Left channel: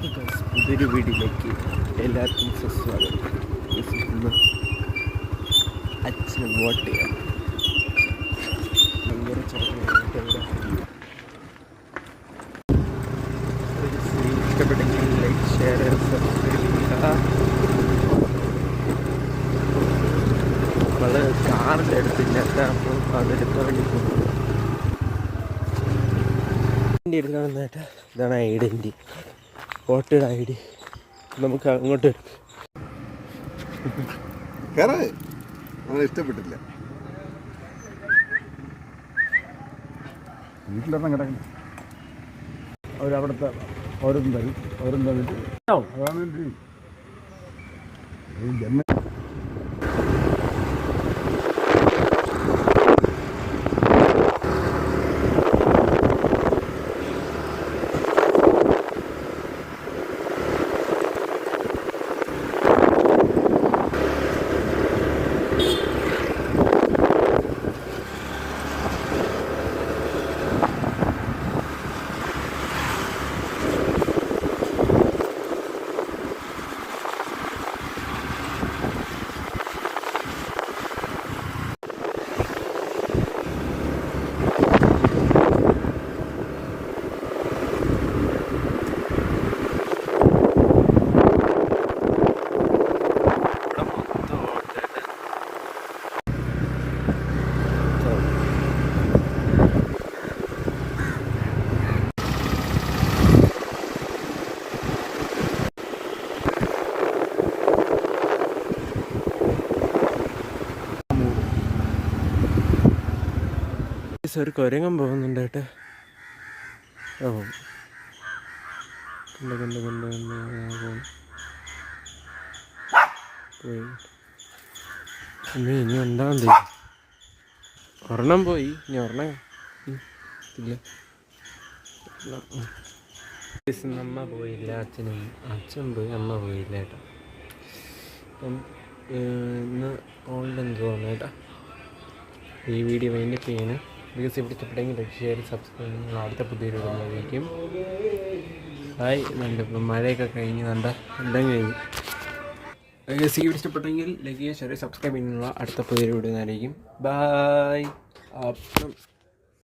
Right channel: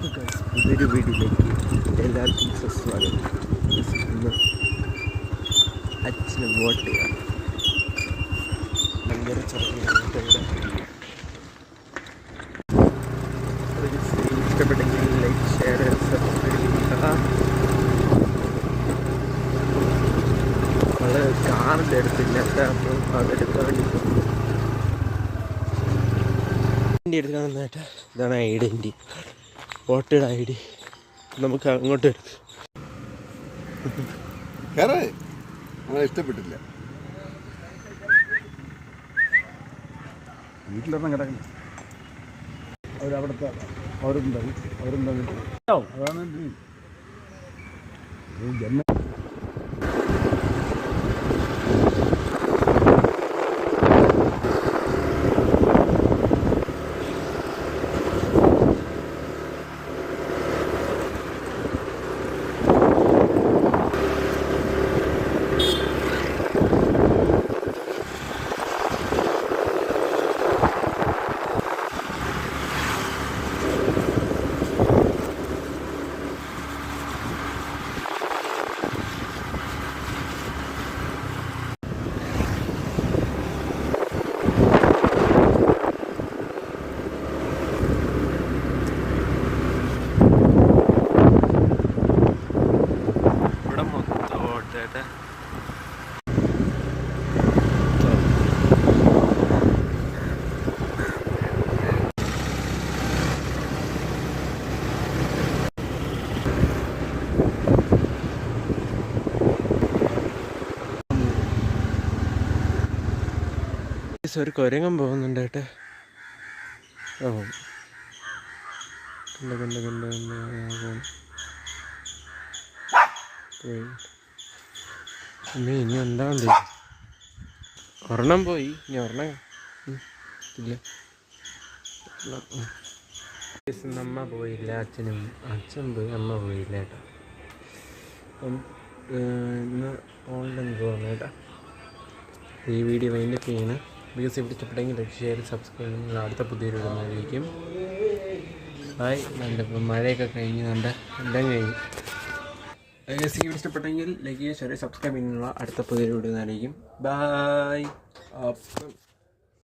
പുതിയൊരു വീഡിയോയിലേക്ക് എല്ലാവർക്കും സുസ്വാഗതം. ഇന്ന് അച്ഛന് വോട്ട് ചെയ്യാം. ഭയങ്കര ഇഷ്ടപ്പെട്ടെങ്കിൽ ലൈക്ക്, ഷെയർ, സബ്സ്ക്രൈബ് ചെയ്യുക. നമ്മൾ കാറിൻ്റെ അടുത്തില്ല, അപ്പം അതെടുക്കാൻ വേണ്ടി പോകുന്നു. എടുക്കാൻ വന്നിട്ട് ഇതാണ് ഐഡൻറ്റി, വോട്ടഡ് ഐ ഡി. നമുക്ക് അങ്ങോട്ട് എടുക്കാം. ഇഷ്ടപ്പെട്ടില്ല. വീട്ടിലൊന്നും കിടക്കണം. അവരവിടുത്തെ അവരും അതാണ് ജന്മ. ഒരു കുരങ്ങൻ പോകുന്നുണ്ട് കേട്ടോ. ഓ കണ്ട് പോയി. ഇനി ഉണ്ടാകും. ഒരെണ്ണം പോയി, ഇനി ഒരെണ്ണം ഇല്ല. അമ്മ പോയില്ല, അച്ഛൻ പോയി, അമ്മ പോയില്ല കേട്ടോ. അപ്പം ഇന്ന് ഓൺലൈൻ തോന്നുന്നു കേട്ടോ. ഈ വീഡിയോ വൈൻഡപ്പ് ചെയ്യണം. ബിക്കോസ് ഇവിടെ ഇഷ്ടപ്പെട്ടെങ്കിൽ ലൈക്ക്, ഷെയർ, സബ്സ്ക്രൈബ്. നിങ്ങൾ അടുത്ത പുതിയൊരു ഇടുന്നതായിരിക്കും. ഹായ്. ഇപ്പം മഴയൊക്കെ കഴിഞ്ഞ് എല്ലാം കഴിഞ്ഞു. വീഡിയോ ഇഷ്ടപ്പെട്ടെങ്കിൽ ലൈക്ക് ചെയ്യുക, ഷെയർ, സബ്സ്ക്രൈബ് ചെയ്യുന്നുള്ള അടുത്ത പുതിയൊരു ഇടുന്നതായിരിക്കും. ബായ്. അപ്പം